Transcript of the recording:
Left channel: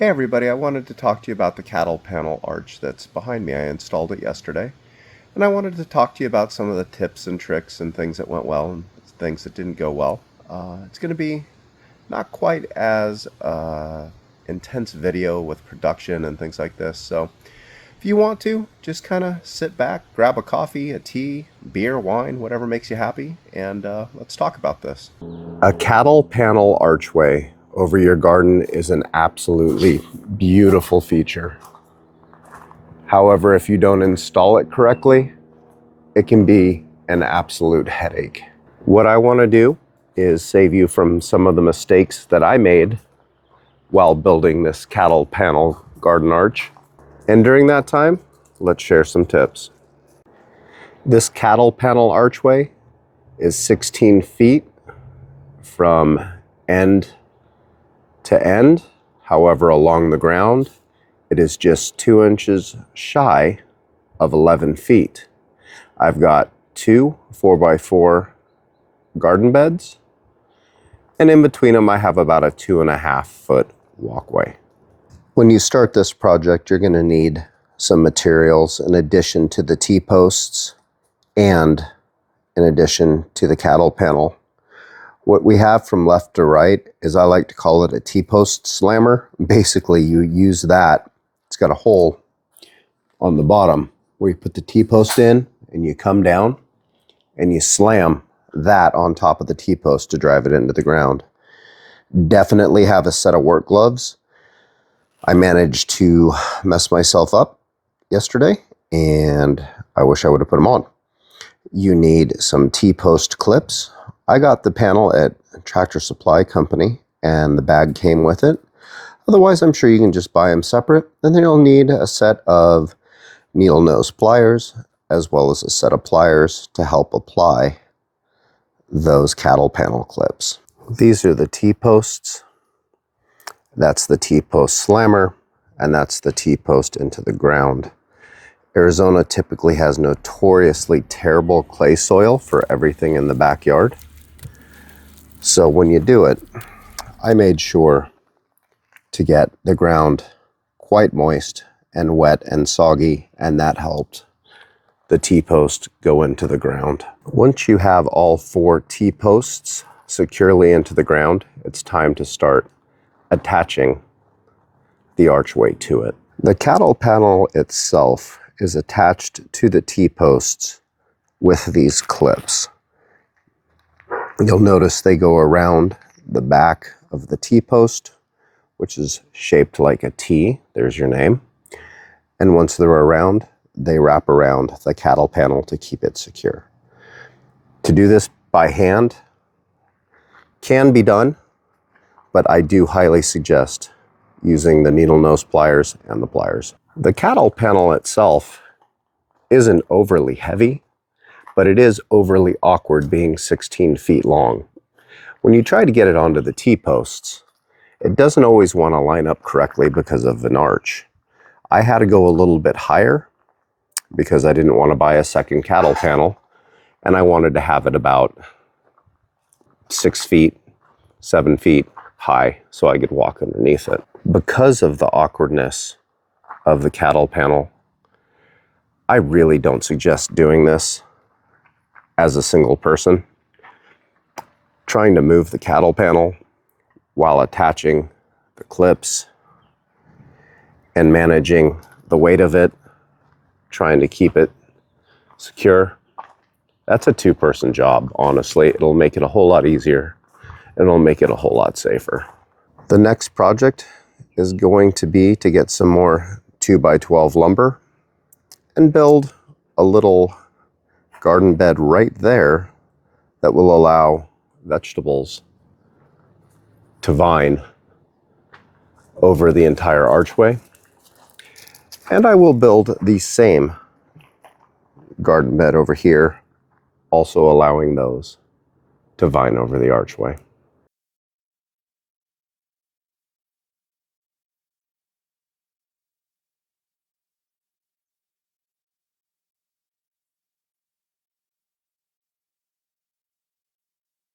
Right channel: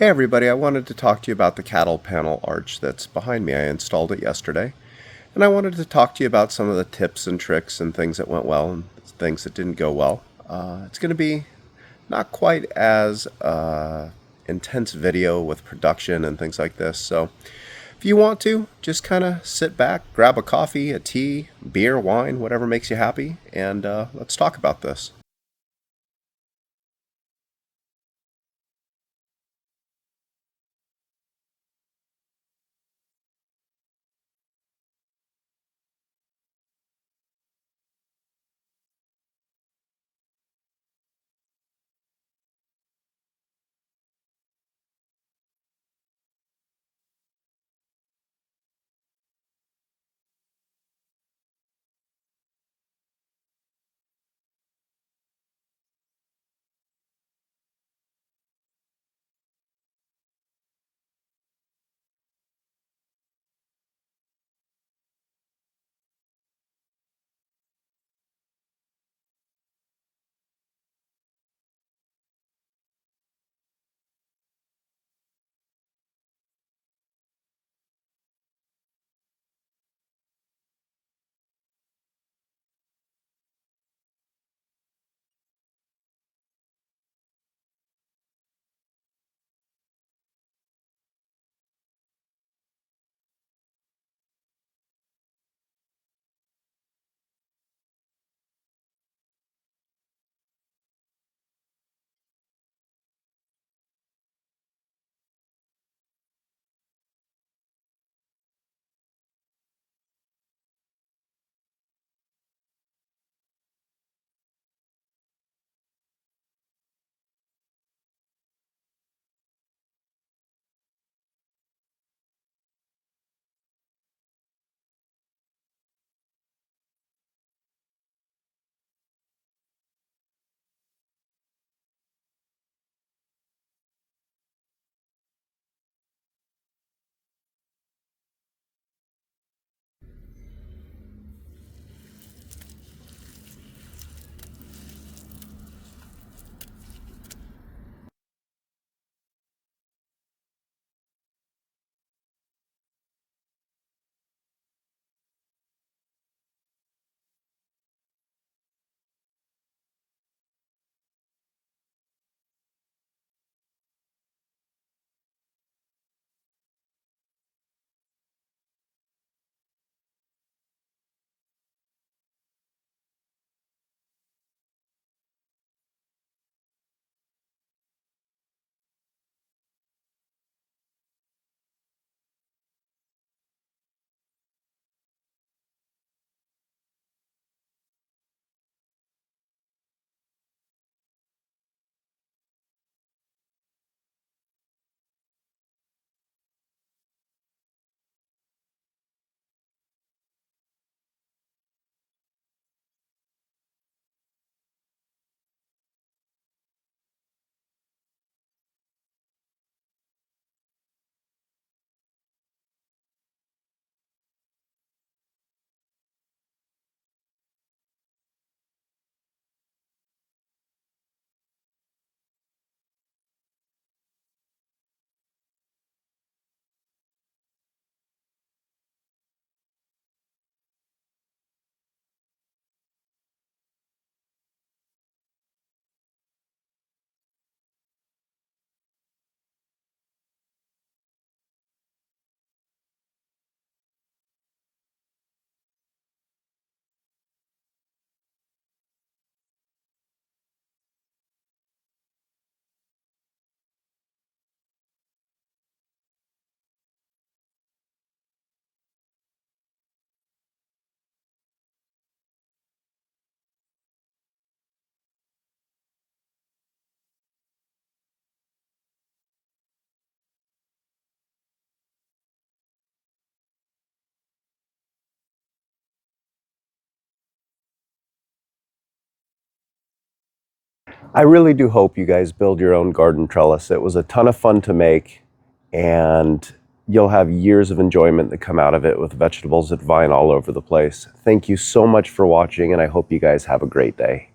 Hey everybody, I wanted to talk to you about the cattle panel arch that's behind me. I installed it yesterday, and I wanted to talk to you about some of the tips and tricks and things that went well and things that didn't go well. It's going to be not quite as intense video with production and things like this, so if you want to, just kind of sit back, grab a coffee, a tea, beer, wine, whatever makes you happy, and let's talk about this. A cattle panel archway over your garden is an absolutely beautiful feature. However, if you don't install it correctly, it can be an absolute headache. What I want to do is save you from some of the mistakes that I made while building this cattle panel garden arch. And during that time, let's share some tips. This cattle panel archway is 16 feet from end to end. However, along the ground, it is just 2 inches shy of 11 feet. I've got two 4x4 garden beds, and in between them I have about a 2.5 foot walkway. When you start this project, you're going to need some materials in addition to the T-posts and in addition to the cattle panel. What we have from left to right is, I like to call it a T-post slammer. Basically, you use that. It's got a hole on the bottom where you put the T-post in, and you come down and you slam that on top of the T-post to drive it into the ground. Definitely have a set of work gloves. I managed to mess myself up yesterday, and I wish I would have put them on. You need some T-post clips. I got the panel at Tractor Supply Company, and the bag came with it. Otherwise, I'm sure you can just buy them separate. And then you'll need a set of needle nose pliers, as well as a set of pliers to help apply those cattle panel clips. These are the T-posts. That's the T-post slammer, and that's the T-post into the ground. Arizona typically has notoriously terrible clay soil for everything in the backyard. So when you do it, I made sure to get the ground quite moist and wet and soggy, and that helped the T-post go into the ground. Once you have all 4 T-posts securely into the ground, it's time to start attaching the archway to it. The cattle panel itself is attached to the T-posts with these clips. You'll notice they go around the back of the T-post, which is shaped like a T. There's your name. And once they're around, they wrap around the cattle panel to keep it secure. To do this by hand can be done, but I do highly suggest using the needle nose pliers and the pliers. The cattle panel itself isn't overly heavy, but it is overly awkward being 16 feet long. When you try to get it onto the T-posts, it doesn't always want to line up correctly because of an arch. I had to go a little bit higher because I didn't want to buy a second cattle panel, and I wanted to have it about 6 feet, 7 feet high so I could walk underneath it. Because of the awkwardness of the cattle panel, I really don't suggest doing this as a single person. Trying to move the cattle panel while attaching the clips and managing the weight of it, trying to keep it secure, that's a 2-person job, honestly. It'll make it a whole lot easier, and it'll make it a whole lot safer. The next project is going to be to get some more 2x12 lumber and build a little garden bed right there that will allow vegetables to vine over the entire archway. And I will build the same garden bed over here, also allowing those to vine over the archway. I really do hope you guys build your own garden trellis. It was a ton of fun to make, and you'll have years of enjoyment that come out of it with vegetables that vine all over the place. Thank you so much for watching, and I hope you guys have a great day.